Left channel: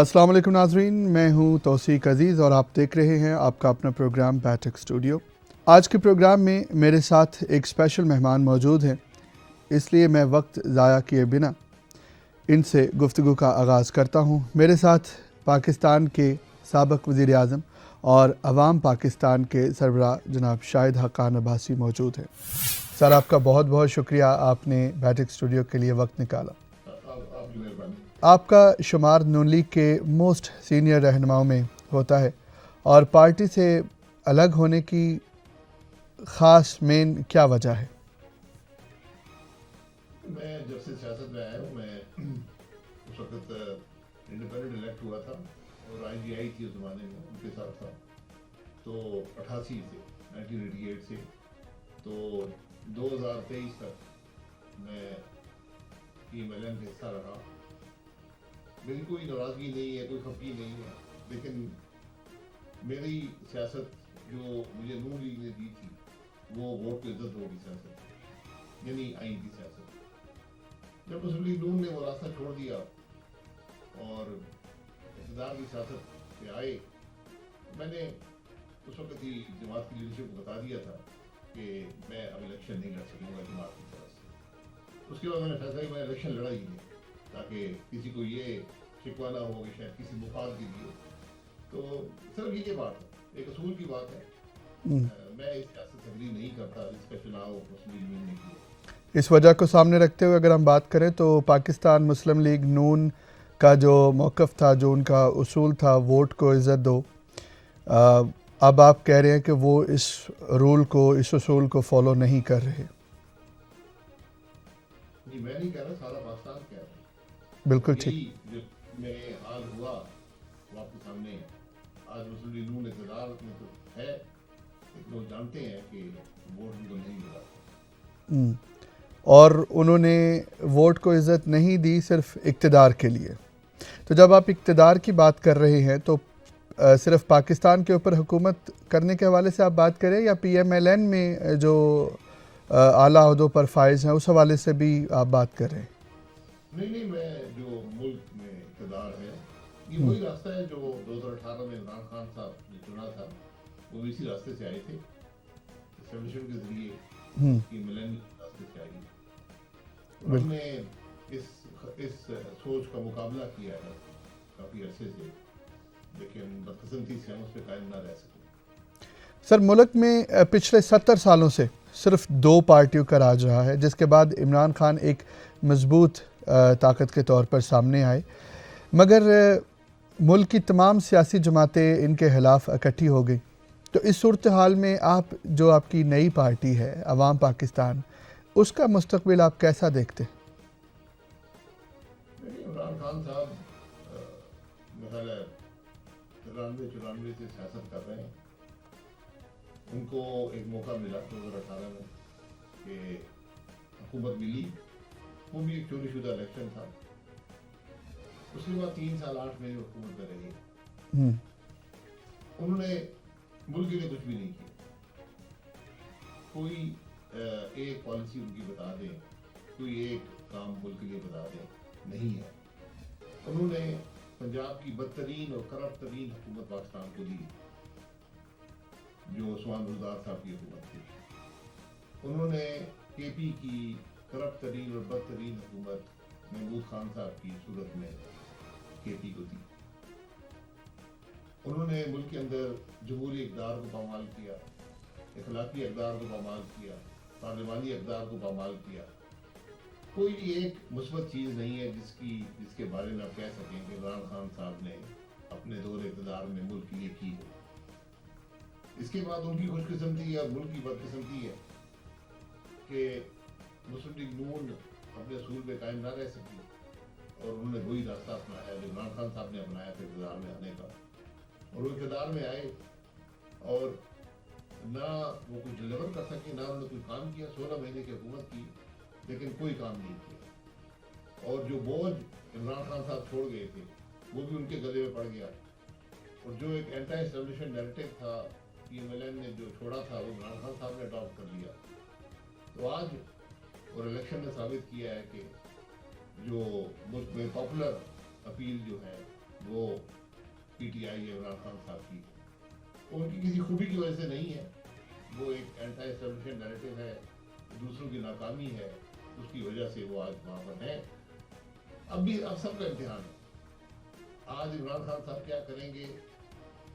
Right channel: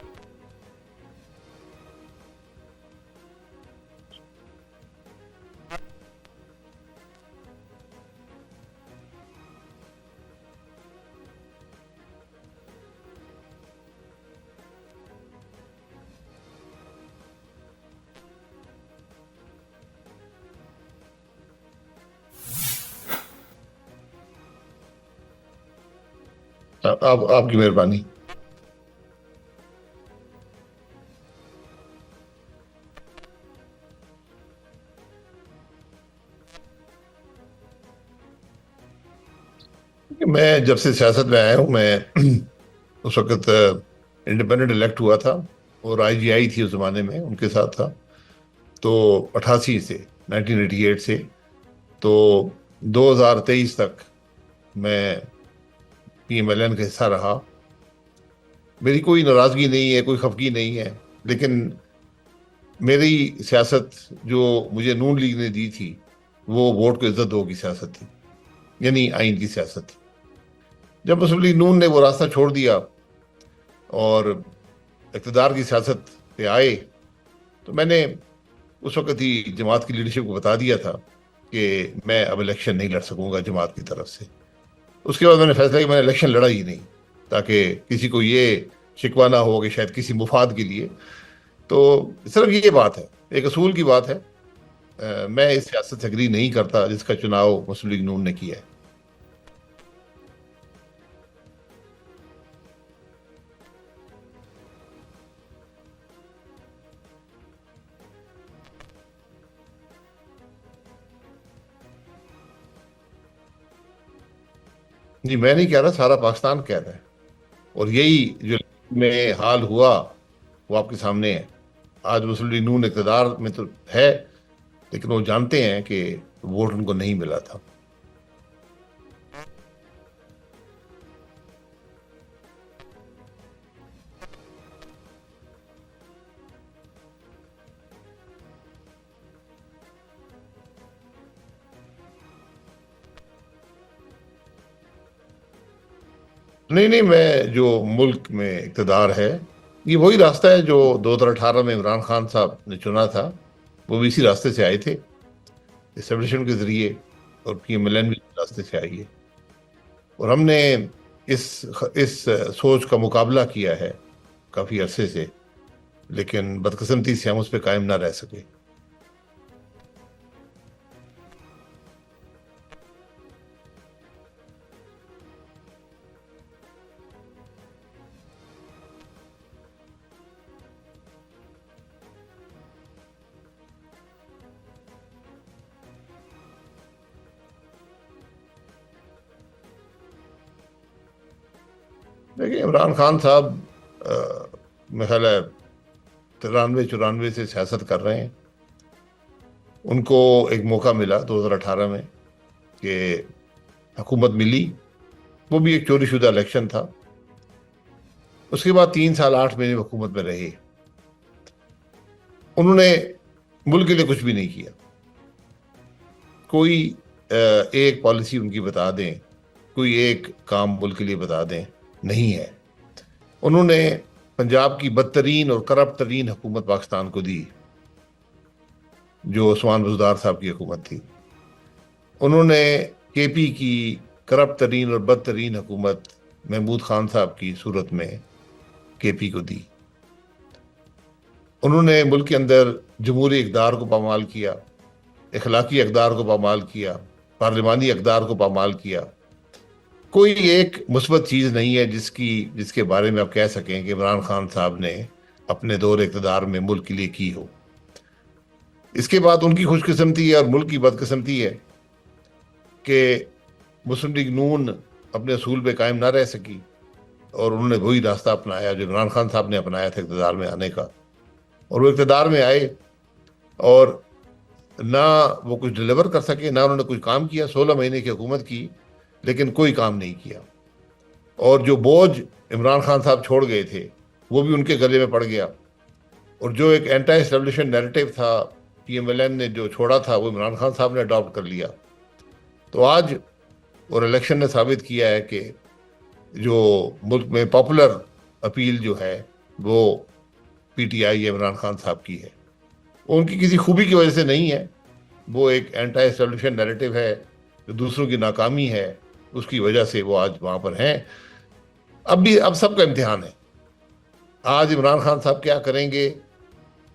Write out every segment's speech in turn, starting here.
السلام علیکم ناظرین، میں ہوں توصیق عزیز اور آپ دیکھ رہے ہیں آپ کا اپنا پروگرام بیٹک اسٹوڈیو۔ آج کے پروگرام میں میرے ساتھ ایک اسپیشل مہمان موجود ہیں، اس لیے میں وقت ضائع کیے بنا ان سے گفتگو کا آغاز کرتا ہوں۔ میرے ساتھ پاکستان کے سابق وزیر اعظم اور عوام پاکستان کے سربراہ جناب شاہد حقان عباسی موجود ہیں۔ سر، آپ کا بہت بہت شکریہ، آپ نے بیٹک اسٹوڈیو کے لیے وقت نکالا۔ آپ کی مہربانی۔ آپ کا شمار نون لیگ کے موسٹ سینئر رہنماؤں میں ہوتا ہے، اور پارٹی سے الگ ہونے کی خاص مین کیا وجہ ہے؟ میں جب سے سیاست میں آیا ہوں، میں اس وقت انڈیپینڈنٹ الیکٹ ہوا تھا اور آئی جی آئی تھی اس زمانے میں، ان کے ساتھ تھا۔ تو 1988 سے تو 2023 تک میں پی ایم ایل این کا حصہ رہا۔ میری کوئی ناراضگی نہیں ہے، کوئی خفگی نہیں ہے، لیکن میری سیاست جو مجھے نون لیگ نے دی تھی وہ ووٹ کو عزت دو کی سیاست تھی، یعنی آئین کی سیاست تھی۔ جب مسلم لیگ نون نے وہ راستہ چھوڑ دیا اور اقتدار کی سیاست پہ آئے، تو میں نے اس وقت ہی جماعت کی لیڈرشپ کو بتا دیا تھا کہ میں اب الیکشن نہیں لڑ سکوں گا جماعت کی طرف سے۔ اس کے بعد میں نے فیصلہ کیا میں نے الیکشن لڑا ہی نہیں، تاکہ کسی کو یہ شکوہ نہ ہو کہ شاید کسی مفاد کے لیے۔ تو صرف یہ بات ہے، ایک اصول کی بات ہے، میں اس سیاست سے اگری نہیں کرتا جس کا چناؤ مسلم لیگ نون نے کیا ہے۔ اس وجہ کو سامنے رکھتے ہوئے اگر ہم بات کریں تو پاکستان مسلم لیگ نون کا جو موقف تھا، جو ان کا اصول تھا ووٹ کو عزت دو، اب آپ کہہ رہے ہیں کہ وہ اس رول کو، اس اصول کو فالو نہیں کر رہے۔ جی، میں نہیں کہہ رہا، سارا پاکستان کہہ رہا ہے، اور یہی جو میں حال ہوا وہ آپ کے سامنے ہے۔ آج مسلم لیگ نون اقتدار میں تو ہے، لیکن وہ جانتے ہیں کہ ووٹ ان کو نہیں ملا تھا، اور انہوں نے ووٹ کو عزت نہیں دی صرف اقتدار کے لیے۔ تو جب آپ اقتدار کی بات کر رہے ہیں تو صرف پاکستان کے اوپر حکومت کرنے کے حوالے سے آپ بات کریں، یا پی ایم ایل این میں جو اعلیٰ عہدوں پر فائز ہیں اس حوالے سے بھی آپ بات کر رہے ہیں؟ نہیں، میں جو ملک میں اقتدار ہے یہ وہی راستہ ہے جو 2018 میں عمران خان صاحب نے چنا تھا، وہ بھی اسی راستے سے آئے تھے، اسٹیبلشمنٹ کے ذریعے، اور پی ایم ایل این بھی اسی راستے سے آئی ہے، اور ہم نے اس سوچ کا مقابلہ کیا ہے کافی عرصے سے، لیکن بدقسمتی سے ہم اس پہ قائم نہ رہ سکے۔ سر، ملک میں پچھلے 70 سالوں سے صرف 2 پارٹیوں کا راج رہا ہے، جس کے بعد عمران خان ایک مضبوط طاقت کے طور پر سامنے آئے، مگر ملک کی تمام سیاسی جماعتیں ان کے خلاف اکٹھی ہو گئی۔ تو اس صورتحال میں جو آپ کی نئی پارٹی ہے عوام پاکستان، اس کا مستقبل آپ کیسا دیکھتے؟ دیکھیں، عمران خان صاحب میرا خیال ہے 93-94 سے سیاست کر رہے ہیں۔ ان کو ایک موقع ملا 2018 میں کہ حکومت ملی، وہ بھی ایک چوری شدہ الیکشن تھا۔ اس کے بعد 3 سال 8 مہینے حکومت میں رہے، انہوں نے ملک کے لیے کچھ بھی نہیں کیا۔ کوئی ایک پالیسی ان کی بتا دیں، کوئی ایک کام ملک کے لیے بتا دیں، نہیں ہے۔ انہوں نے پنجاب کی بدترین اور کرپٹ ترین حکومت پاکستان کو دی، جو عثمان بزدار صاحب کی حکومت تھی۔ انہوں نے کے پی کی کرپٹ ترین اور بدترین حکومت محمود خان صاحب کی صورت میں کے پی کو دی۔ انہوں نے ملک کے اندر جمہوری اقدار کو پامال کیا، اخلاقی اقدار کو پامال کیا، پارلیمانی اقدار کو پامال کیا۔ کوئی ایک مثبت چیز نہیں ہے جس کے بارے میں آپ کہہ سکیں کہ عمران خان صاحب نے اپنے دور اقتدار میں ملک کے لیے کی ہو۔ اس کے بعد ان کی خوش قسمتی ہے اور ملک کی بدقسمتی ہے کہ مسلم لیگ نون اپنے اصول پہ قائم نہ رہ سکی، اور انہوں نے وہی راستہ اپنایا جو عمران خان صاحب نے اپنایا تھا اقتدار میں آنے کا، اور وہ اقتدار میں آئے اور نہ وہ کچھ ڈیلیور کر سکے، نہ انہوں نے کچھ کام کیا۔ 16 مہینے کی حکومت کی لیکن کوئی کام نہیں کیا، اور جو بوجھ عمران خان صاحب چھوڑ گئے تھے وہ بھی ان کے گلے میں پڑ گیا، اور جو ایک اینٹی اسٹیبلشمنٹ نیریٹو تھا پی ایم ایل این نے جو چھوڑا تھا وہ عمران خان صاحب نے اڈاپٹ کر لیا۔ تو آج اور الیکشن نے ثابت کیا ہے کہ جو ملک میں پاپولر اپیل جو ہے وہ پی ٹی آئی یا عمران خان صاحب کی ہے. وہ ان کی کسی خوبی کی وجہ سے نہیں ہے, وہ ایک اینٹی اسٹیبلشمنٹ نیریٹو ہے, جو دوسروں کی ناکامی ہے, اس کی وجہ سے وہ آج وہاں پر ہیں. اب سب کا امتحان ہے. آج عمران خان صاحب کیا کریں گے,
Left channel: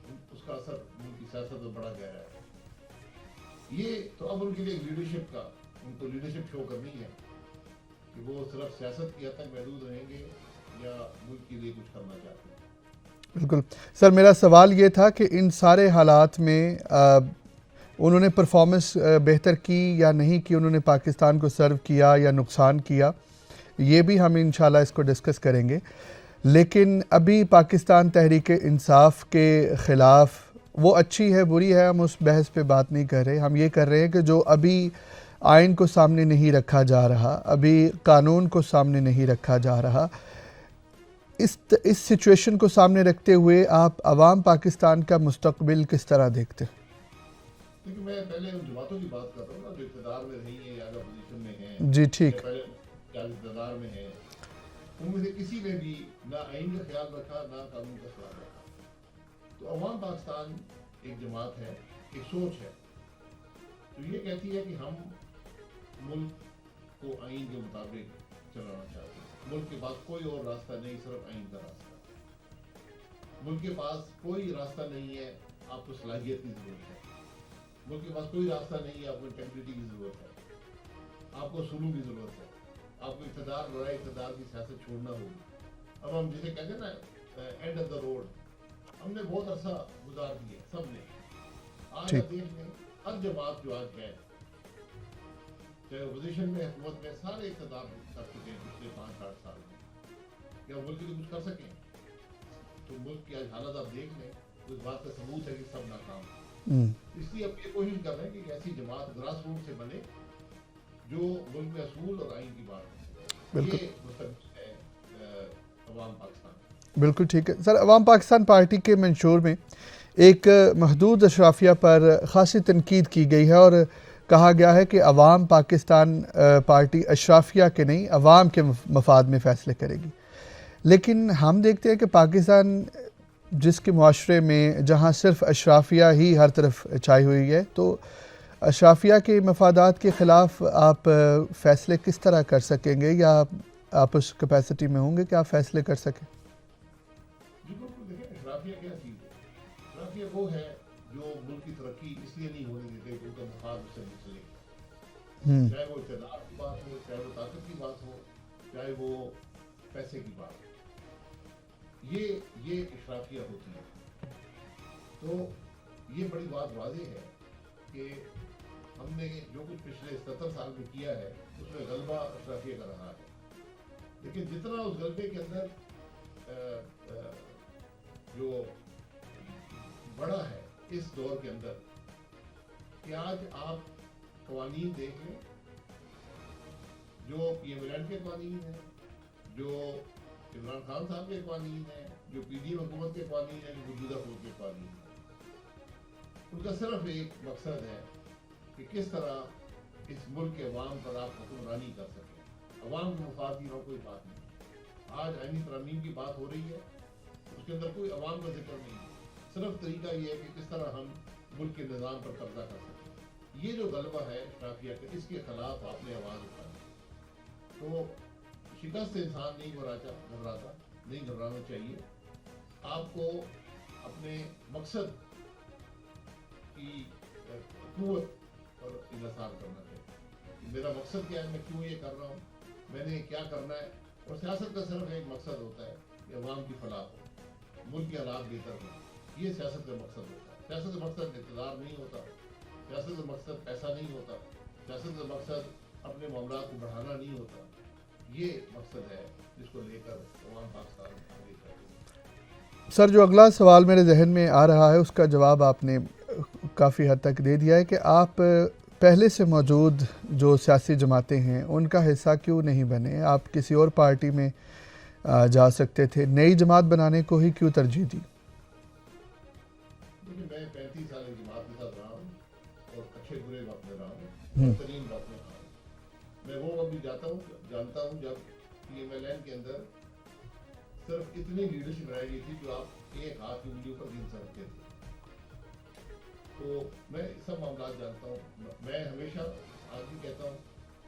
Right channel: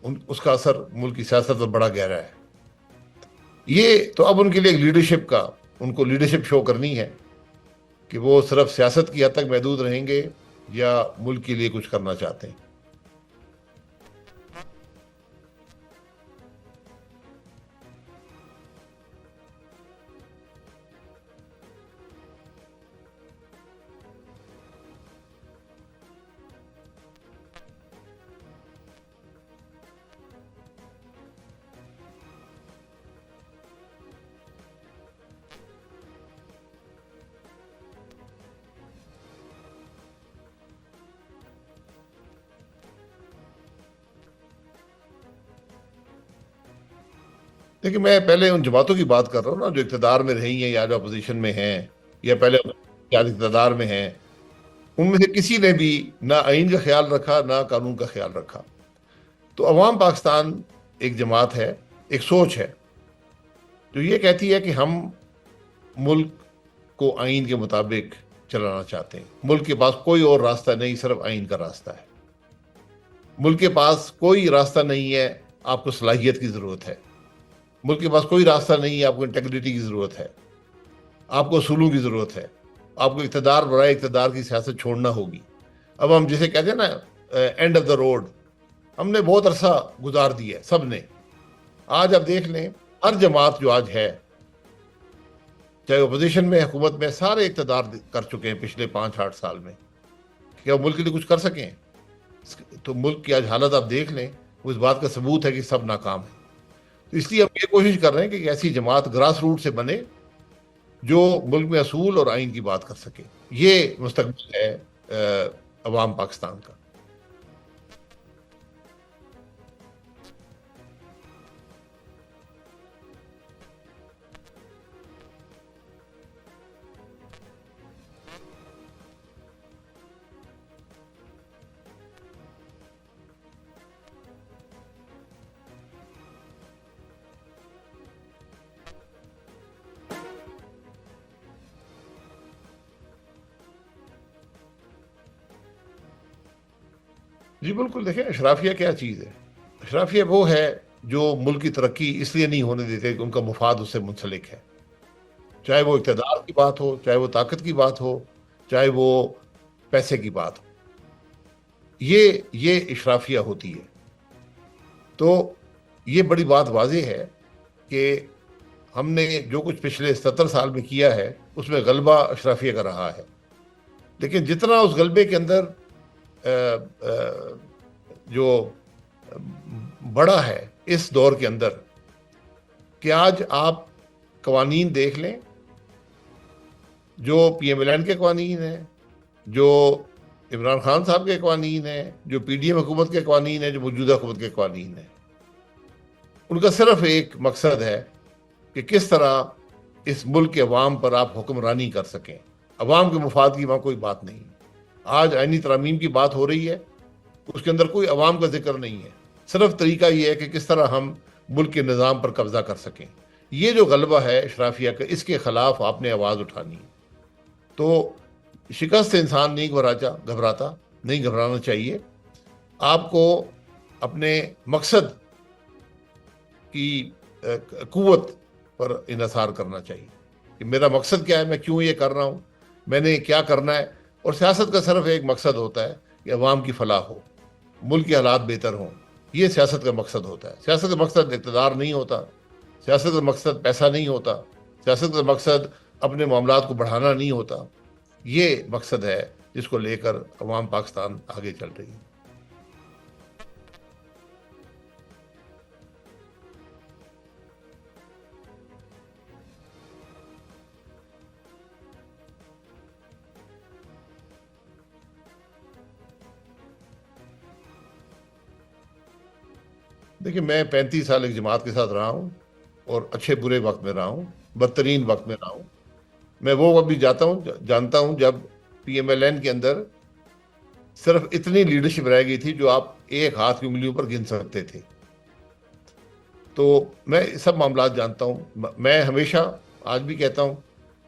اس کا اثر ملک کی سیاست پر بڑا گہرا ہے. یہ تو اب ان کے لیے ایک لیڈرشپ کا, ان کو لیڈرشپ شو کرنی ہے کہ وہ صرف سیاست کی حد تک محدود رہیں گے یا ملک کے لیے کچھ کرنا چاہتے ہیں. بالکل سر, میرا سوال یہ تھا کہ ان سارے حالات میں انہوں نے پرفارمنس بہتر کی یا نہیں کی, انہوں نے پاکستان کو سرو کیا یا نقصان کیا, یہ بھی ہم انشاءاللہ اس کو ڈسکس کریں گے. لیکن ابھی پاکستان تحریک انصاف کے خلاف وہ اچھی ہے بری ہے, ہم اس بحث پہ بات نہیں کر رہے. ہم یہ کر رہے ہیں کہ جو ابھی آئین کو سامنے نہیں رکھا جا رہا, ابھی قانون کو سامنے نہیں رکھا جا رہا, اس سچویشن کو سامنے رکھتے ہوئے آپ عوام پاکستان کا مستقبل کس طرح دیکھتے ہیں؟ دیکھیں, میں پہلے ان جماعتوں کی بات کر رہا ہوں نا, جو اقتدار میں رہی ہیں یا جو اپوزیشن میں ہیں جی ٹھیک, یا پہلے اقتدار میں ہیں. ان میں سے کسی نے بھی نہ آئین کا خیال رکھا نہ قانون کا خیال رکھا. تو عوام پاکستان ایک جماعت ہے, ایک سوچ ہے جو یہ کہتی ہے کہ ہم ملک کو آئین کے مطابق چلانا چاہتے ہیں. ملک کے پاس کوئی اور راستہ نہیں, صرف آئین کا راستہ ہے. ملک کے پاس کوئی راستہ نہیں ہے, آپ کو صلاحیت کی ضرورت ہے. ملک کے پاس کوئی راستہ نہیں ہے, آپ کو انٹیگریٹی کی ضرورت ہے, آپ کو اصولوں کی ضرورت ہے. آپ کو اقتدار برائے اقتدار کی سیاست چھوڑنا ہوگی. اب ہم جسے کہتے ہیں نا اینڈ آف دا روڈ, ہم نے بہت عرصہ گزار دیا ہے سب نے. آج آپ دیکھ لیں, ہر جماعت جو آج ہے, چاہے اپوزیشن میں, حکومت میں, سارے اقتدار کر چکے ہیں پچھلے 5-8 سال میں. کیا ملک کے لیے کچھ کر سکیں؟ تو ملک کی آج حالت آپ دیکھ لیں, وہ اس بات کا ثبوت ہے کہ سب ناکام ہیں. اس لیے ہم یہ کوشش کر رہے ہیں کہ ایک ایسی جماعت گراس روٹ سے بنے جو ملک میں اصول اور آئین کی بات کر سکے. یہ مستقبل ہے عوام پاکستان کا. بالکل ٹھیک ہے سر. عوام پاکستان پارٹی کے منشور میں ایک محدود اشرافیہ پر خاصی تنقید کی گئی ہے اور کہا گیا ہے کہ عوام پاکستان پارٹی اشرافیہ کے نہیں, عوام کے مفاد میں فیصلے کرے گی. لیکن ہم دیکھتے ہیں کہ پاکستان جس کے معاشرے میں جہاں صرف اشرافیہ ہی ہر طرف چھائی ہوئی ہے, تو اشرافیہ کے مفادات کے خلاف آپ فیصلے کس طرح کر سکیں گے, یا آپ اس کیپیسٹی میں ہوں گے کہ آپ فیصلے کر سکیں؟ جی بالکل. دیکھیں, اشرافیہ کیا چیز ہے؟ اشرافیہ وہ ہے جو ملک کی ترقی اس لیے نہیں ہونے دیتے کہ ان کا مفاد اس سے منسلک ہے. چاہے وہ اقتدار کی بات ہو, چاہے وہ طاقت کی بات ہو, چاہے وہ پیسے کی بات ہو, یہ اشرافیہ ہوتی ہے. تو یہ بڑی بات واضح ہے کہ ہم نے جو کچھ پچھلے 70 سال میں کیا ہے اس میں غلبہ اشرافیہ کا رہا ہے. لیکن جتنا اس غلبے کے اندر جو بڑا ہے اس دور کے اندر, کہ آج آپ قوانین دیکھ لیں, جو پی ایم ایل این کے قوانین ہیں, جو عمران خان صاحب کے قوانین ہیں, جو پی ڈی ایم حکومت کے قوانین ہیں, جو موجودہ حکومت کے قوانین ہیں, ان کا صرف ایک مقصد ہے کہ کس طرح اس ملک کے عوام پر آپ حکمرانی کر سکیں. عوام کے مفاد کی وہاں کوئی بات نہیں. آج آئینی ترامیم کی بات ہو رہی ہے, اس کے اندر کوئی عوام کا ذکر نہیں ہے. صرف طریقہ یہ ہے کہ کس طرح ہم ملک کے نظام پر قبضہ کر سکیں. یہ جو غلبہ ہے اشرافیہ کا, اس کے خلاف آپ نے آواز اٹھانی. تو شکست سے انسان نہیں گھبراتا, نہیں گھبرانا چاہیے. آپ کو اپنے مقصد کی قوت پر انحصار کرنا چاہیے کہ میرا مقصد کیا ہے, میں کیوں یہ کر رہا ہوں, میں نے کیا کرنا ہے. اور سیاست کا صرف ایک مقصد ہوتا ہے کہ عوام کی فلاح ہو, ملک کے حالات بہتر ہوں. یہ سیاست کا مقصد ہوتا ہے. سیاست کا مقصد اقتدار نہیں ہوتا, سیاست کا مقصد پیسہ نہیں ہوتا, سیاست کا مقصد اپنے معاملات کو بڑھانا نہیں ہوتا. یہ مقصد ہے جس کو لے کر عوام پاکستان آگے چل رہی ہے. سر, جو اگلا سوال میرے ذہن میں آ رہا ہے اس کا جواب آپ نے کافی حد تک دے دیا ہے کہ آپ پہلے سے موجود جو سیاسی جماعتیں ہیں ان کا حصہ کیوں نہیں بنے, آپ کسی اور پارٹی میں جا سکتے تھے, نئی جماعت بنانے کو ہی کیوں ترجیح دی؟ دیکھیں, میں 35 سال ایک جماعت کے ساتھ رہا ہوں اور اچھے برے وقت میں رہا ہوں, بدترین وقت میں رہا ہوں. میں وہ وقت بھی جانتا ہوں جب پی ایم ایل این کے اندر صرف اتنی لیڈرشپ رہ گئی تھی جو آپ ایک ہاتھ کی انگلیوں پر گن سکتے تھے. تو میں سب معاملات جانتا ہوں. میں ہمیشہ آج بھی کہتا ہوں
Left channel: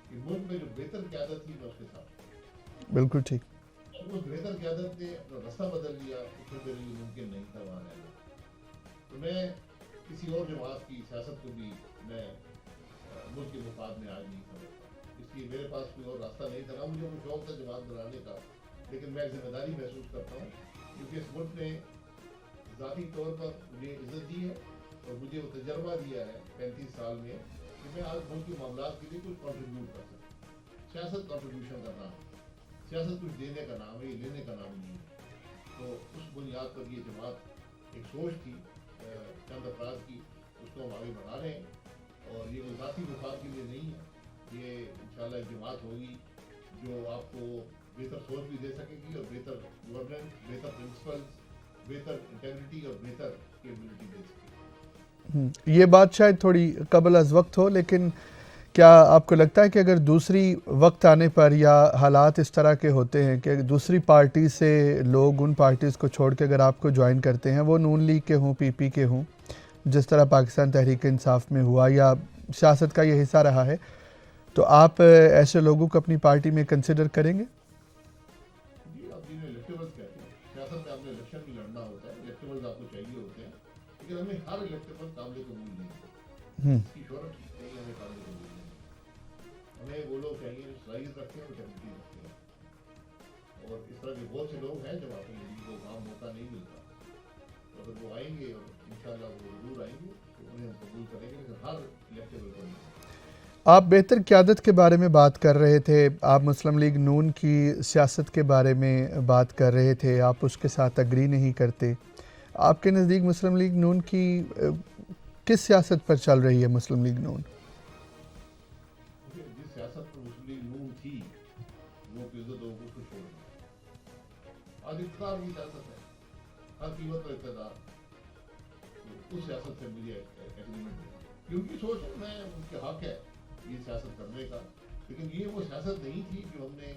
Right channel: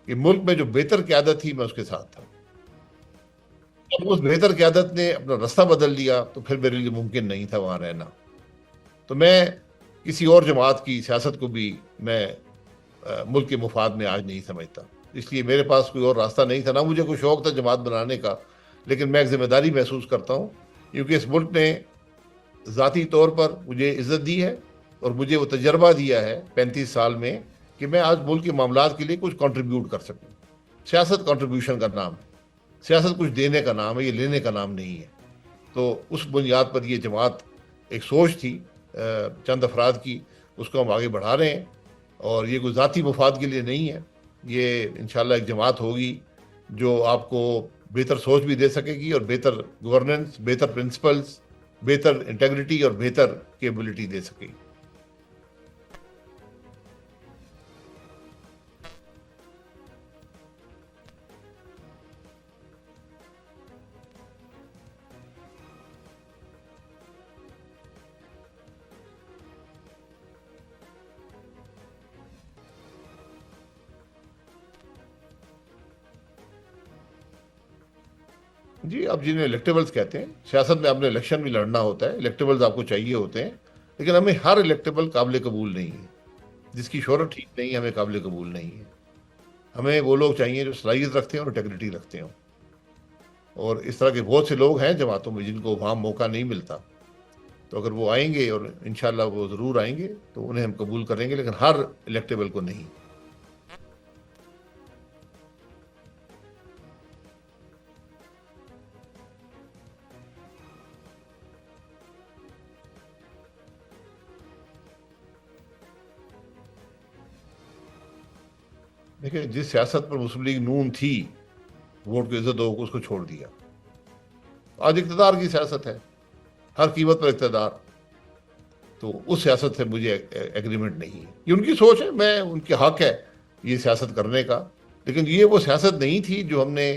کہ ملک میں جو بہتر قیادت تھی میں اس کے ساتھ تھا. بالکل ٹھیک. جب اس بہتر قیادت نے اپنا راستہ بدل لیا تو پھر میرے لیے ممکن نہیں تھا وہاں رہنا. تو میں کسی اور جماعت کی سیاست کو بھی میں ملک کے مفاد میں آج نہیں سمجھتا. اس لیے میرے پاس کوئی اور راستہ نہیں تھا. نہ مجھے کوئی شوق تھا جماعت بنانے کا، لیکن میں ایک ذمہ داری محسوس کرتا ہوں کیونکہ اس ملک نے ذاتی طور پر مجھے عزت دی ہے اور مجھے وہ تجربہ دیا ہے 35 سال میں کہ میں آج ملک کے معاملات کے لیے کچھ کنٹریبیوٹ کر سکوں. سیاست کنٹریبیوشن کا نام ہے. سیاست کچھ دینے کا نام ہے، یہ لینے کا نام نہیں ہے. تو اس بنیاد پر یہ جماعت ایک سوچ تھی چند افراد کی، اس کو ہم آگے بڑھا رہے ہیں. اور یہ کوئی ذاتی مفاد کے لیے نہیں ہے. یہ انشاءاللہ ایک جماعت ہوگی جو آپ کو بہتر سوچ بھی دے سکے گی اور بہتر گورننس، بہتر پرنسپلز، بہتر انٹیگریٹی اور بہتر کیپبلٹی دے سکے گی. یہ بات شاید تھوڑی قبل از وقت ہو، لیکن کیا آپ کو لگتا ہے کہ اگر دوسری وقت آنے پر یا حالات اس طرح کے ہوتے ہیں کہ دوسری پارٹی سے لوگ ان پارٹیز کو چھوڑ کے اگر آپ کو جوائن کرتے ہیں، وہ نون لیگ کے ہوں، پی پی کے ہوں، جس طرح پاکستان تحریک انصاف میں ہوا یا سیاست کا یہ حصہ رہا ہے، تو آپ ایسے لوگوں کو اپنی پارٹی میں کنسیڈر کریں گے؟ جی، آپ جنہیں الیکٹیبلز کہتے ہیں، سیاست میں آپ نے الیکشن بھی لڑنا ہوتا ہے، الیکٹیبلز آپ کو چاہیے ہوتے ہیں، لیکن ہمیں ہر الیکٹیبل قابل قبول نہیں ہے. جس کی شہرت ٹھیک نہیں ہے ہمیں قابل قبول نہیں ہے. ہمیں وہ لوگ چاہیے جو صلاحیت رکھتے ہیں اور انٹیگریٹی رکھتے ہوں. اور اس طرح کے بہت سے لوگ ہیں جماعتوں میں جن کو وہاں موقع نہیں ملتا. تو اگر وہ آئیں گے، اور انشاءاللہ وہ ضرور آئیں گے، تو انہیں ہم قبول کریں گے، لیکن ہر الیکٹیبل کو نہیں. آپ بہتر قیادت کے بارے میں بات کر رہے تھے، آپ مسلم لیگ نون کی سیاست کے بارے میں بات کر رہے تھے، آپ اس کے ساتھ اگری نہیں کرتے. آپ کے نزدیک مسلم لیگ نون کی کس سیاست پر چل رہی ہے مسلم لیگ نون؟ دیکھیں، جس سیاست پر مسلم لیگ نون تھی، ووٹ کی عزت ہو اس کو چھوڑ دیا. آج اقتدار کی سیاست ہے، ہر قیمت پر اقتدار. تو اس سیاست سے مجھے ایگریمنٹ نہیں ہے. یہ ان کی سوچ ہے، میں ان کے حق ہے یہ سیاست کرنے کا، لیکن یہ وہ سیاست نہیں تھی جو ہم نے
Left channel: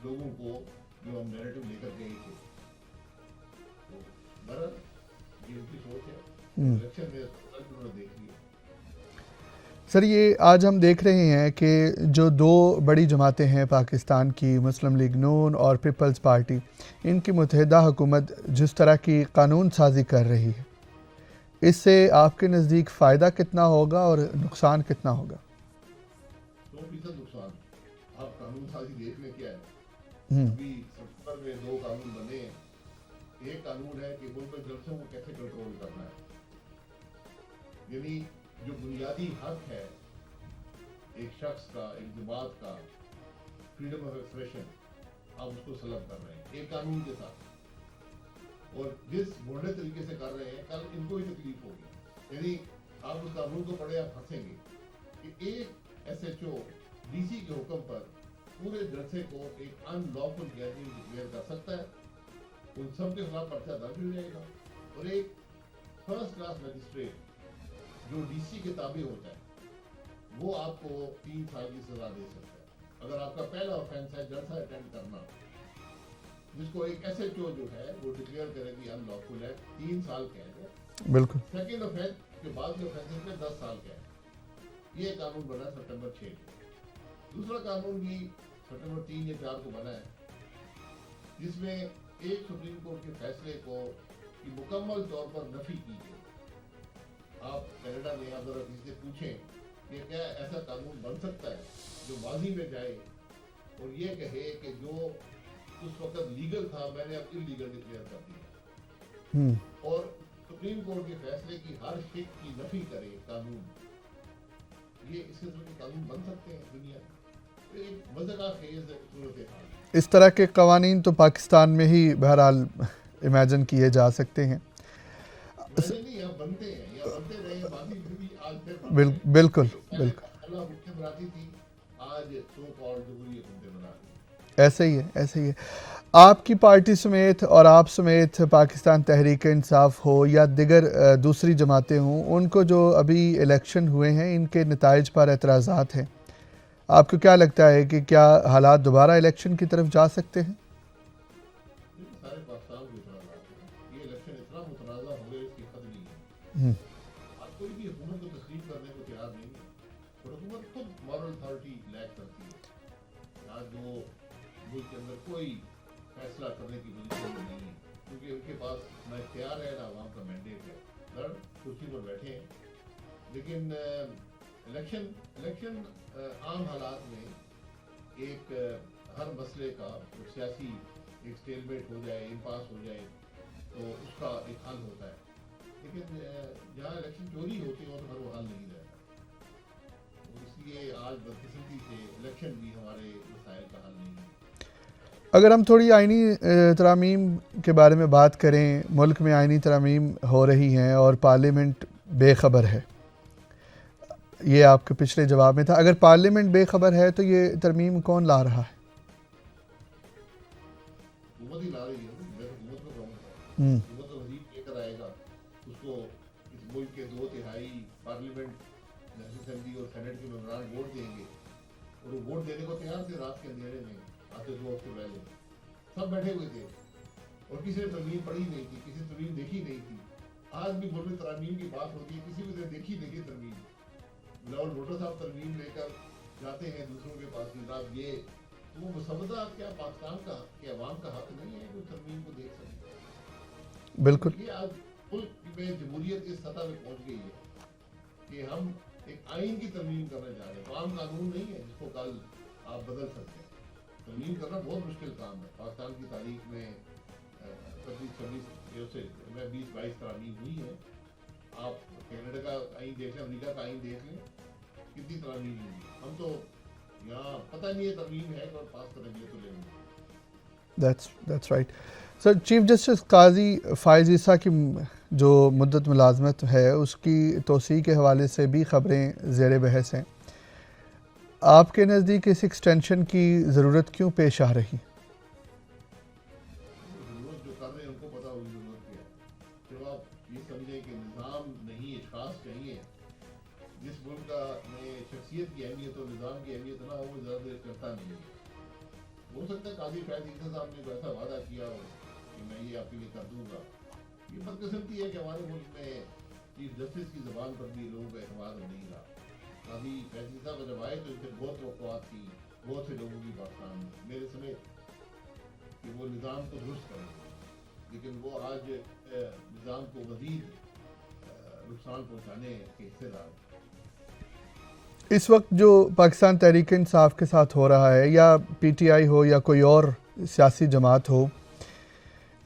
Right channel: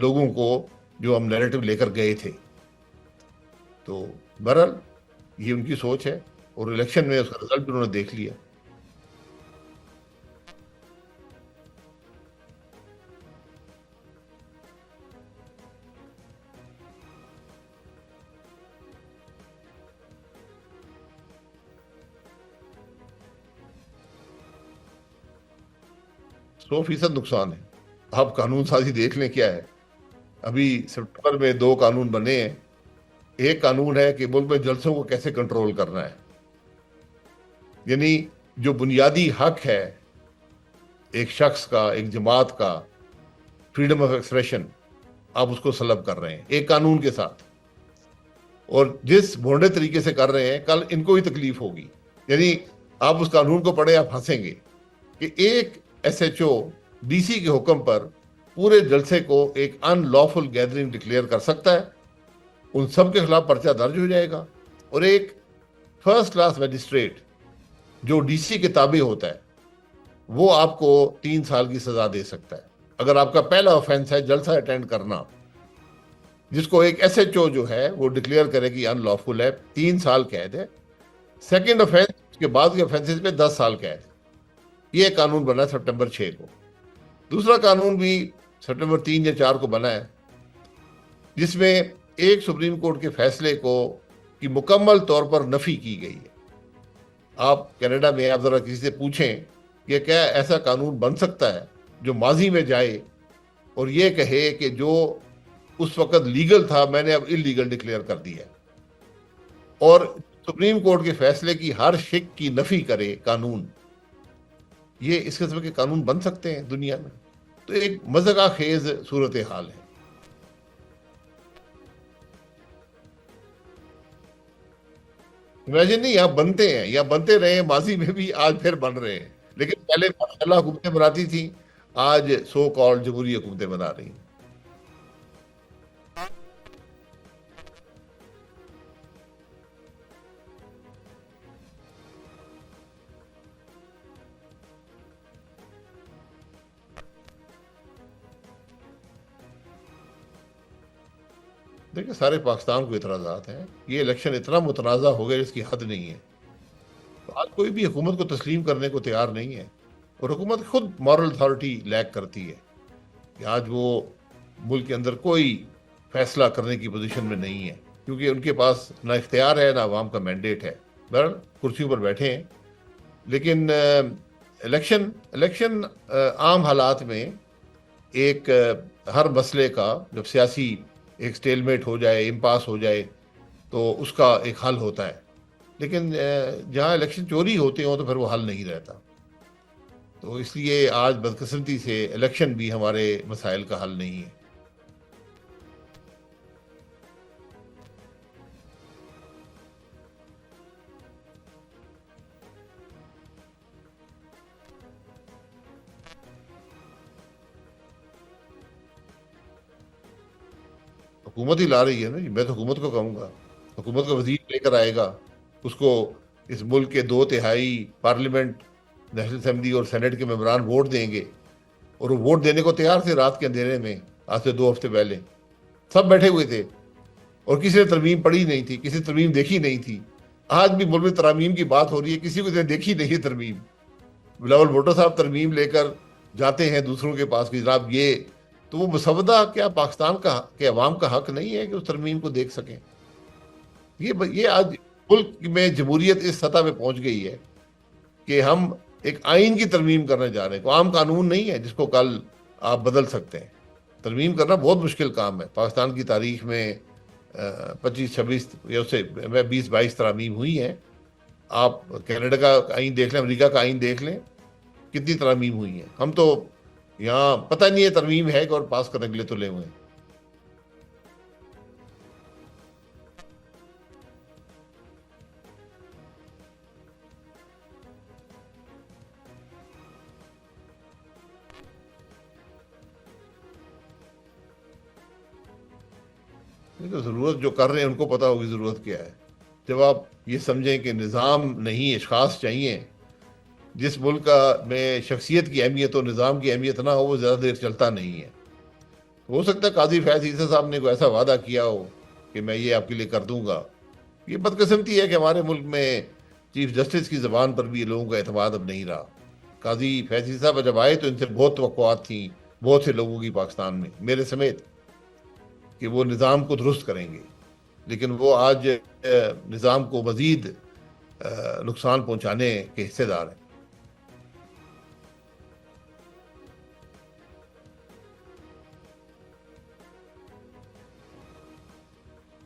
لوگوں کو، جو ہم نیریٹو لے کر گئے تھے. تو بہرحال یہ ان کی سوچ ہے، اور الیکشن میں اس کا رزلٹ انہوں نے دیکھ لیا. سر، یہ آج ہم دیکھ رہے ہیں کہ جو دو بڑی جماعتیں ہیں پاکستان کی، مسلم لیگ نون اور پیپلز پارٹی، ان کی متحدہ حکومت جس طرح کی قانون سازی کر رہی ہے، اس سے آپ کے نزدیک فائدہ کتنا ہوگا اور نقصان کتنا ہوگا؟ 100% نقصان ہے. آپ قانون سازی دیکھ لیں کیا ہے. ابھی سپٹمبر میں 2 قانون بنے ہیں. ایک قانون ہے کہ ملک میں جلسوں کو کیسے کنٹرول کرنا ہے. یعنی جو بنیادی حق ہے ایک شخص کا، ایک جماعت کا، فریڈم آف ایکسپریشن، آپ اس کو سلب کر رہے ہیں ایک قانون کے ساتھ. اور جس بھونڈے طریقے سے کر رہے ہیں، کل ان کو ہی تکلیف ہوگی. یعنی آپ اس قانون کو پڑھیں، آپ ہنسیں گے کہ ایک S H O D C کے حکم پر پورے جلسے کو ایک ان لافل گیدرنگ ڈکلیئر کر سکتا ہے. ان سب کے خلاف پرچہ درج ہو جائے گا، اور ایک فرسٹ کلاس میجسٹریٹ جو ڈی سی کے تابع ہوتا ہے وہ آپ کو 3 سال کی سزا دے سکتا ہے اگر آپ کا پہلا آفینس ہے جلسہ اٹینڈ کرنا، جس کو ایک ایس ایچ او جو ہے وہ ڈکلیئر کرے کہ ان لافل ہے. 3 سال قید ہے. بالکل. سیکنڈ آفینس کے بعد کے آفینسز پہ 10 سال قید. یہ قانون بنا ہے سپٹمبر 6 کو. دوسرا قانون بھی سپٹمبر 3 یا 4 کو بنا ہے، جس میں ایک سپریم کورٹ کے فیصلے کو کی مکمل طور پر نفی کی گئی ہے. آپ کینیڈا میں آپ ذرا کسی سے پوچھیں کہ کیا ایسا قانون بن سکتا ہے جو ماضی میں جائے اور یہ کہے کہ جو اس وقت لیگل تھا میں نے اب انلیگل ڈکلیئر کر دیا، اور سپریم کورٹ کے فیصلے کی ہر شک کی نفی کرے قانون. یہ اس قسم کے قانون بن سکتے ہیں دنیا میں؟ تو ایک مذاق خیز صورتحال ہے. اس طرح کے قوانین تو پاکستان میں ہی بہرحال امیجن کیے جا سکتے ہیں. امیجن نہیں، یہاں بنتے ہیں، یا بنتے رہے ہیں ماضی میں بھی، آج پھر بن رہے ہیں. بالکل. لیکن پہلے ماشاءاللہ حکومتیں بناتی تھیں، آج سو کالڈ جمہوری حکومتیں بنا رہی ہیں. ایسے ہی ہے، ایسے ہی ہے. آپ کی پارٹی سمیت اور آپ سمیت پاکستان تحریک انصاف ہو یا دیگر دوسری جماعتیں ہوں، ان کو جو ابھی الیکشن ہوئے ہیں ان کے نتائج پر اعتراضات ہیں. آپ کو کیا لگتا ہے کہ کیا حالات دوبارہ الیکشن کی طرف جا سکتے ہیں؟ دیکھیں سارے پاکستان کو اعتراضات ہیں، یہ الیکشن اتنا متنازع ہو گیا جس کی حد نہیں ہے. ہم، تو آج کوئی بھی حکومت کو تسلیم کرنے کو تیار نہیں ہے، اور حکومت خود مورل اتھارٹی لیک کرتی ہے کہ آج وہ ملک کے اندر کوئی فیصلہ کرنے کی پوزیشن میں نہیں ہے، کیونکہ ان کے پاس نہ اختیار ہے نہ عوام کا مینڈیٹ ہے. بہرحال کرسیوں پر بیٹھے ہیں، لیکن الیکشن عام حالات میں ایک ہر مسئلے کا جب سیاسی ایک سٹیل میٹ ہو جائے، امپاس ہو جائے، تو اس کا ایک حل ہوتا ہے. لیکن جہاں الیکشن چوری ہوتے ہوں تو پھر وہ حل نہیں رہتا. تو اس لیے آج بدقسمتی سے الیکشن بھی ہمارے مسائل کا حل نہیں ہے. اگر ہم تھوڑی آئینی ترامیم کے بارے میں بات کریں، ملک میں آئینی ترامیم ہو رہی ہیں اور پارلیمنٹ بے خبر ہے، یہ آپ کے پچھلے جواب میں تھا. اگر پارلیمنٹ بے خبر ہے تو یہ ترمیم کون لا رہا ہے؟ حکومت ہی لا رہی ہے نا جی. میں تو حکومت کو کہوں گا، ہم، حکومت کا وزیر لے کر آئے گا، اس کو اس ملک کے 2/3 پارلیمنٹ، نیشنل اسمبلی اور سینٹ کے ممبران ووٹ دیں گے، اور وہ ووٹ دینے کو تیار تھے. رات کے اندھیرے میں آج سے 2 ہفتے پہلے سب بیٹھے ہوئے تھے، اور کسی نے ترمیم پڑھی نہیں تھی، کسی نے ترمیم دیکھی نہیں تھی. آج بھی ملک میں ترامیم کی بات ہو رہی ہے، کسی کو دیکھی نہیں ہے ترمیم. بلاول بھٹو صاحب ترمیم لے کر جاتے ہیں دوسروں کے پاس کہ جناب یہ، تو وہ مسودہ کیا پاکستان کا کہ عوام کا حق نہیں ہے کہ اس ترمیم کو دیکھ سکیں؟ بالکل. یہ آج ملک میں جمہوریت اس سطح پہ پہنچ گئی ہے کہ ہم ایک آئین کی ترمیم کرنے جا رہے ہیں. کوئی عام قانون نہیں ہے جس کو کل آپ بدل سکتے ہیں. ترمیم کرنا بہت مشکل کام ہے. پاکستان کی تاریخ میں 25-26 یا اس سے 20-22 ترامیم ہوئی ہیں. آپ کینیڈا کا آئین دیکھ لیں، امریکہ کا آئین دیکھ لیں، کتنی ترامیم ہوئی ہیں. ہم تو یہاں پتہ نہیں ہے ترمیم ہے کہ اور پاس کرنے کے لیے تلے ہوئے ہیں. That's right. Sir, chief justice قاضی فائز عیسیٰ کی جو مدت ملازمت ہے اس کی توسیع کے حوالے سے بھی خبریں زیر بحث ہیں. آپ کے نزدیک اس ایکسٹینشن کی ضرورت کیوں پیش آ رہی؟ نہیں تو ضرورت جو کر رہے ہیں ان کو پتہ ہوگی ضرورت کیا ہے. جب آپ یہ سمجھیں کہ نظام نہیں اشخاص چاہیے، جس ملک کا میں شخصیت کی اہمیت اور نظام کی اہمیت نہ ہو وہ زیادہ دیر چلتا نہیں ہے. ہو سکتا ہے قاضی فیض عیسیٰ صاحب نے کوئی ایسا وعدہ کیا ہو کہ میں یہ آپ کے لیے کر دوں گا. یہ بدقسمتی ہے کہ ہمارے ملک میں چیف جسٹس کی زبان پر بھی لوگوں کا اعتماد اب نہیں رہا. قاضی فیض عیسیٰ صاحب جب آئے تو ان سے بہت توقعات تھیں بہت سے لوگوں کی پاکستان میں، میرے سمیت، کہ وہ نظام کو درست کریں گے. لیکن وہ آج نظام کو مزید نقصان پہنچانے کے حصے دار ہیں. اس وقت جو پاکستان تحریک انصاف کے ساتھ ہو رہا ہے، یا پی ٹی آئی ہو یا کوئی اور سیاسی جماعت ہو،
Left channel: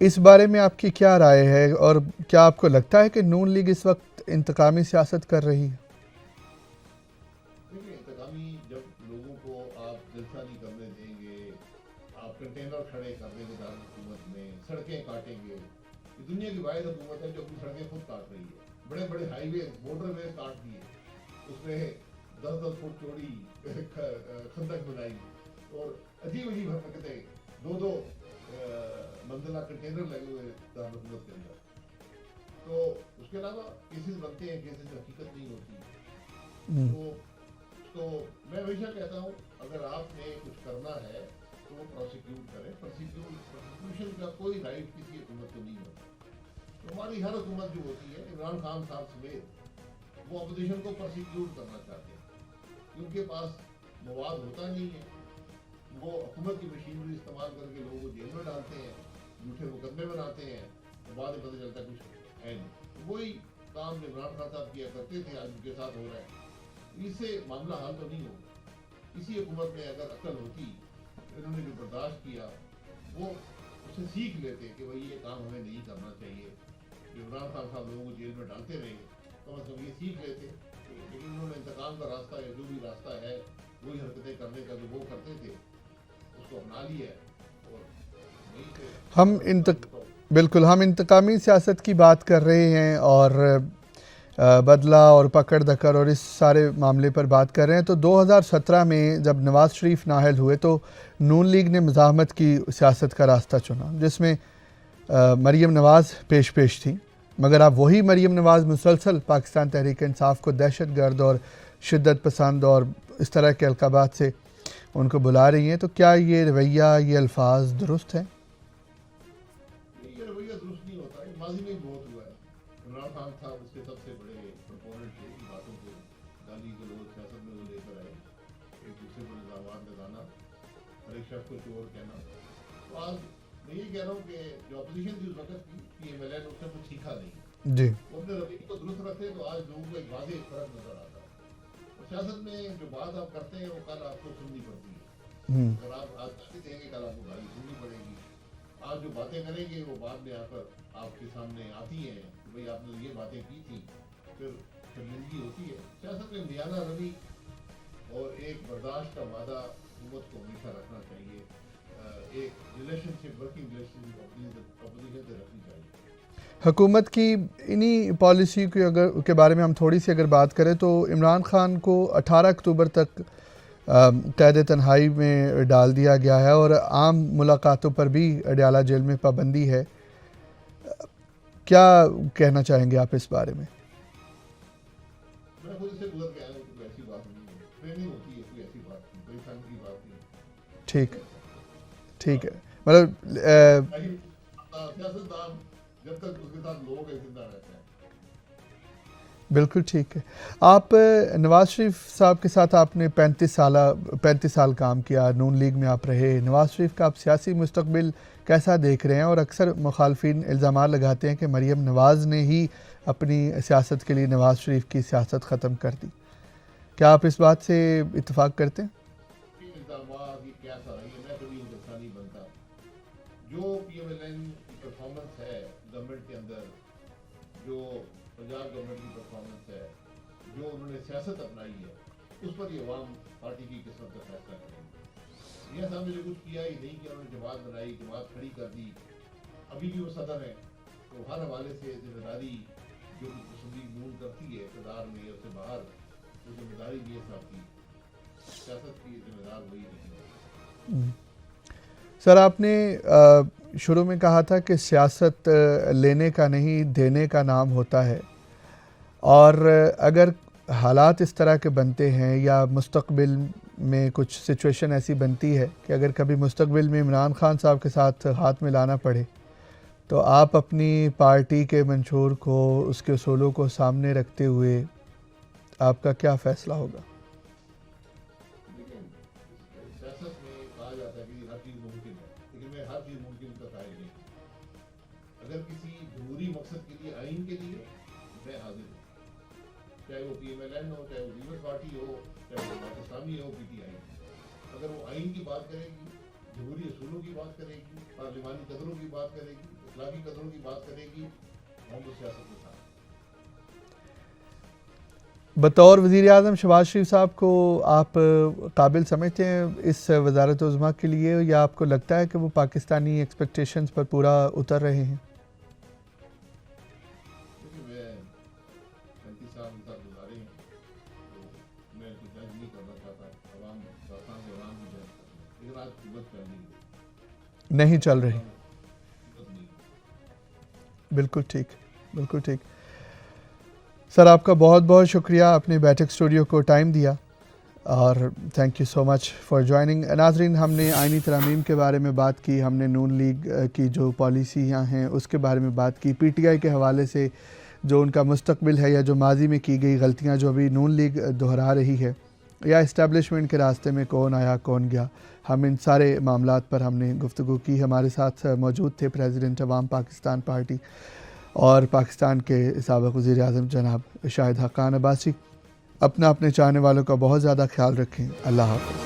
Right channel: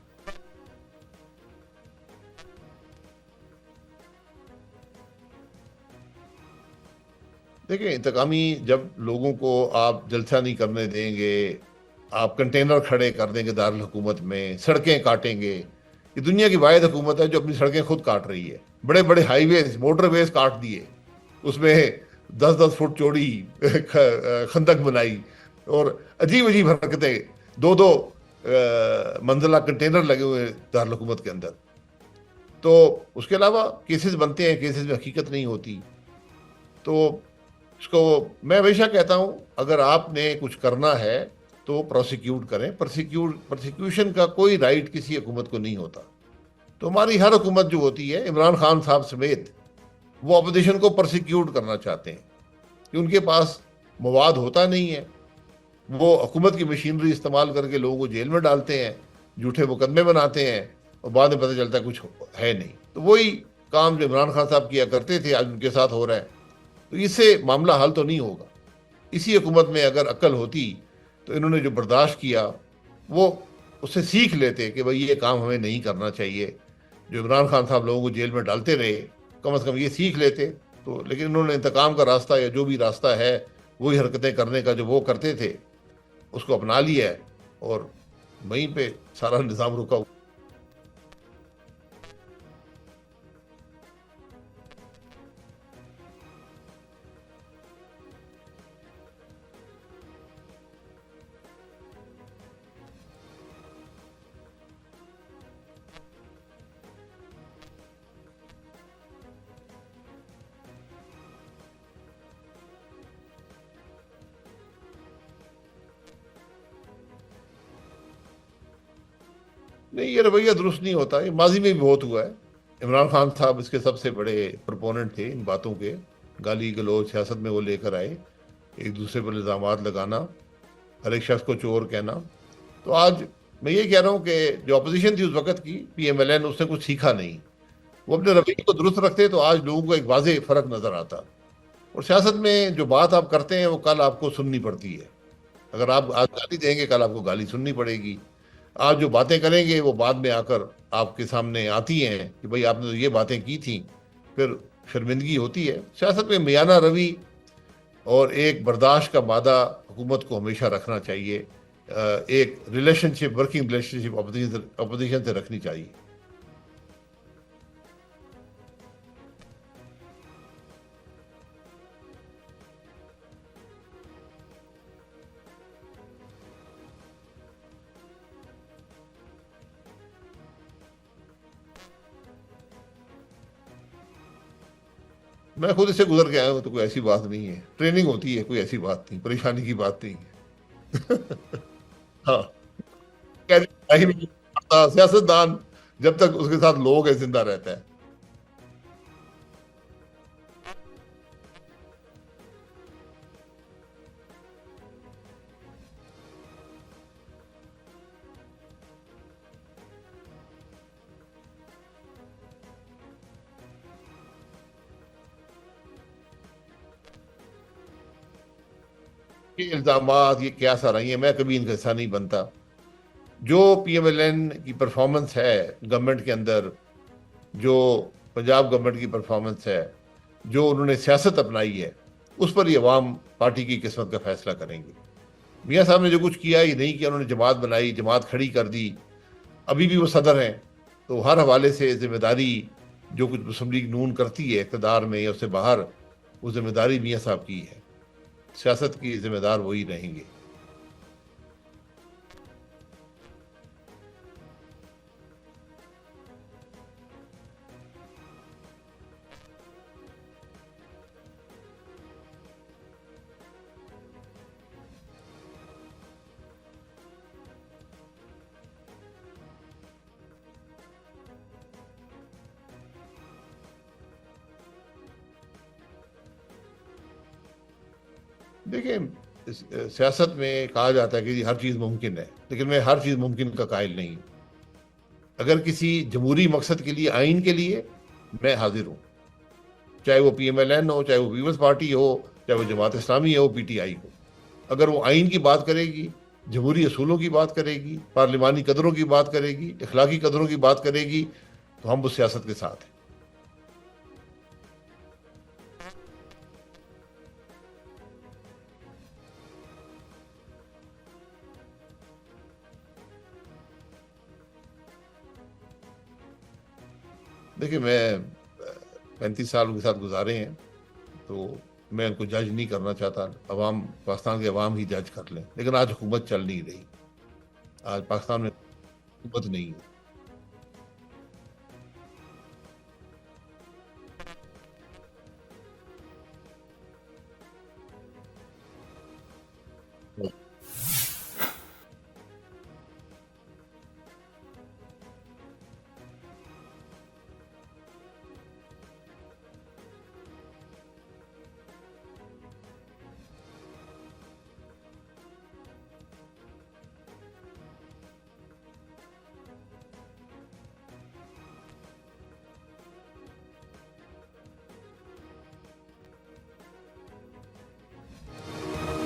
اس بارے میں آپ کی کیا رائے ہے، اور کیا آپ کو لگتا ہے کہ نون لیگ اس وقت انتقامی سیاست کر رہی ہے؟ دیکھیں انتقامی، جب لوگوں کو آپ جلسہ نہیں کرنے دیں گے، آپ کنٹینر کھڑے کر دیں گے دارالحکومت میں، سڑکیں کاٹیں گے. یہ دنیا کی واحد حکومت ہے جو اپنی سڑکیں خود کاٹ رہی ہے. بڑے بڑے ہائی ویز، موٹر ویز کاٹ دیے، اس میں 10-10 فٹ چوڑی خندق بنائی، اور عجیب عجیب حرکتیں. 2 منزلہ کنٹینر لگے ہوئے دارالحکومت کے اندر. تو اس کے علاوہ کیسز بنتے ہیں، کیسز میں حقیقت نہیں ہوتی. تو اس کو میں ہمیشہ کہتا ہوں، اگر آپ نے کچھ کرنا ہے تو پروسیکیوٹ کریں. پروسیکیوشن کا کوئی رائٹ کسی حکومت کو نہیں ہوتا. تو ہماری ہر حکومت جو ہوتی ہے، عمران خان صاحب سمیت، وہ اپوزیشن کو پرسیکیوٹ کرنا چاہتے ہیں کہ ان کے پاس مواد ہوتا نہیں ہے. وہ حکومت کی مشینری استعمال کر کے لوگوں کو جیل میں ڈالتے ہیں، جھوٹے مقدمے بناتے ہیں، اور بعد میں پتہ چلتا ہے کچھ ہے نہیں. تو وہی کام جو عمران خان صاحب کیا کرتے تھے آج ان کے ساتھ ہو رہا ہے. تو اس سے معاملہ حل تو نہیں ہوگا. اسی حکومت میں اگر عقل ہوتی تو انہوں نے جو برداشت کیا وہ اس سے سیکھ لیتے کہ بھئی یہ کام ہمیں نہیں کرنا چاہیے. جو عمران خان صاحب لوگوں کو جیل میں ڈالتے رہے، کم از کم یہ سیکھ لیتے. تو لیکن انہوں نے انتقام کا راستہ، یا جو بھی راستہ ہے وہی حرکتیں کرنے کا جو وہ کرتے تھے، اس کو اپنا لیا ہے، اور وہیں پہ سارا نظام رکا ہوا. بالکل، ہم انتقامی سیاست کی بات کر رہے ہیں، اور بدلہ اور پکڑ دکڑ اور اس سارے معاملے پر بات کر رہے ہیں. تو 2017 میں جب نواز شریف نااہل ہوئے تو نون لیگ نے مزاحمت کی سیاست کا راستہ چنا، جس میں مریم نواز پیش تھیں. مگر اب وہی مریم نواز مسلسل پاکستان تحریک انصاف کو دہشت گرد اور شدت پسند اور اس طرح کے القابات سے ان کو بلا رہی ہیں. تو کیا یہ رویہ، یہ الفاظ درست ہیں؟ نہیں، یہ رویہ درست نہیں ہوتا، یہ ماضی میں بھی بہت ہوا ہے. عمران خان صاحب اس کے سب سے بڑے پروپوننٹ تھے ان باتوں کے. گالی گلوچ سیاست میں وہ لے کر آئے، ایک دوسرے پر الزامات لگانا، ہر ایک شخص کو چور کہنا. تو آج میں یہ کہہ رہا ہوں کہ جو اپوزیشن تھی اس وقت کی پی ایم ایل این، اس نے کچھ سیکھا نہیں. جی وہ اپنے رویے کو درست رکھتے تو آج لوگوں کو ایک واضح فرق نظر آتا. اور سیاست میں جو بات آپ کرتے ہیں وہ کل آپ کو سننی پڑتی ہے. اگر آپ آج گالی دیں گے کل آپ کو گالی سننی پڑے گی. آپ جو باتیں کریں گے وہ بعد میں آ کر آپ کے سامنے آتی ہیں کہ بھئی آپ نے تو یہ باتیں کی تھیں، پھر شرمندگی ہوتی ہے. سیاست میں میانہ روی اور ایک برداشت کا مادہ حکومت کو ہمیشہ رکھنا چاہیے. ایک ریلیشن شپ، ورکنگ ریلیشن شپ اپوزیشن سے رکھنی چاہیے. حکومت کی انہی پالیسی کے بارے میں ہم تھوڑی سی اگر بات کریں تو عمران خان کو 18 اکتوبر تک قید تنہائی میں ڈال دیا گیا ہے اور عام ملاقاتوں پر بھی اڈیالہ جیل میں پابندی ہے. کیا کہنا چاہیں گے آپ اس بارے میں؟ میں خود اس سے گزر کے آیا ہوں، تو کوئی ایسی بات نہیں ہے. ٹریننگ ہوتی ہے، کوئی ایسی بات نہیں، پریشانی کی بات نہیں ہے. ٹھیک ہاں، ٹھیک ہے. مطلب سیاست دان جب تک اس کے ساتھ لوگ ہیں زندہ رہتا ہے. بالکل ٹھیک ہے. آپ نواز شریف صاحب کے ساتھ آپ نے 35 سال کام کیا، نون لیگ میں آپ رہے. نواز شریف کا آپ سیاسی مستقبل کیسا دیکھ رہے ہیں؟ اور اکثر مخالفین الزامات لگاتے ہیں کہ مریم نواز نے ہی اپنی سیاست کے لیے نواز شریف کی سیاست ختم کر دی. کیا آپ اس بات سے اتفاق کرتے ہیں؟ یہ الزامات یہ کیا سا رہی ہیں، میں کبھی ان کا حصہ نہیں بنتا. جو پی ایم ایل این کی پرفارمنس ہے گورنمنٹ کے اندر، جو پنجاب گورنمنٹ کی پرفارمنس ہے، جو انہوں نے سیاست اپنائی ہے، اس پر یہ عوام پارٹی کی قسمت کا فیصلہ کریں گے. میاں صاحب نے جو کچھ کیا یہ نہیں کیا. انہوں نے جماعت بنائی، جماعت کھڑی کر دی، ابھی بھی وہ صدر ہیں. تو ہر حوالے سے ذمہ داری جو کچھ مسلم لیگ نون کرتی ہے اقتدار میں یا اس سے باہر، وہ ذمہ داری میاں صاحب کی ہے. سیاست کی ذمہ دار وہی رہیں گے. سر، آپ نے شروع میں کہا تھا کہ سیاست لینے کا نہیں دینے کا نام ہوتا ہے، اور اگر حالات اس طرح کے بنتے ہیں یا مستقبل میں کچھ سچویشن ایسی بنتی ہے کہ اگر کبھی مستقبل میں عمران خان صاحب کے ساتھ ہاتھ ملانا پڑے تو آپ اپنی پارٹی کے منشور کو، اس کے اصولوں کو سامنے رکھتے ہوئے آپ کا کیا فیصلہ ہوگا؟ دیکھیں، سیاست میں کہا جاتا ہے کہ ہر چیز ممکن ہے، لیکن میں ہر چیز ممکن کا قائل نہیں. اگر کسی جمہوری مقصد کے لیے، آئین کے لیے، میں حاضر ہوں. چاہے وہ پی ایم ایل این ہو، چاہے وہ پیپلز پارٹی ہو، چاہے وہ جماعت اسلامی ہو، پی ٹی آئی ہو. اگر وہ آئین کی بات کرے گی، جمہوری اصولوں کی بات کرے گی، پارلیمانی قدروں کی بات کرے گی، اخلاقی قدروں کی بات کرے گی، تو ہم اس سیاست کے ساتھ ہیں. بطور وزیر اعظم شہباز شریف صاحب کو آپ قابل سمجھتے ہیں اس وزارت عظمیٰ کے لیے، یا آپ کو لگتا ہے کہ وہ پاکستانی ایکسپیکٹیشنز پر پورا اتر رہے ہیں؟ دیکھیں، میں 35 سال ان کے ساتھ گزارے ہیں، تو میں ان کو جج نہیں کرنا چاہتا. عوام، پاکستان کے عوام ہی جج کر لیں. لیکن آج حکومت چل نہیں رہی. نہیں آج چل پاکستان رہی. میں حکومت نہیں ہے. بالکل ٹھیک، بالکل ٹھیک. سر، آپ کا بہت بہت شکریہ، اپنے بیٹھک اسٹوڈیو کو ٹائم دیا، اور thank you so much for joining. ناظرین، ہم نے آئینی ترامیم کے بارے میں بات کی، ہم نے نون لیگ کی جو پالیسیاں ہیں اس کے بارے میں بات کی، پی ٹی آئی کے حوالے سے جو ان کا مستقبل ہے یا جو ماضی میں کی گئی غلطیاں جو ابھی نون لیگ دہرا رہی ہے، یا اسٹیبلشمنٹ کے راستے میں کون آیا کون گیا، ہم ان سارے معاملات پر ہم نے گفتگو کی. ہمارے ساتھ موجود تھے پریزیڈنٹ عوام پاکستان پارٹی اور پاکستان کے سابق وزیر اعظم جناب شاہد حقان عباسی. اپنے چاہنے والوں کا بہت زیادہ خیال رکھیں. اللہ حافظ.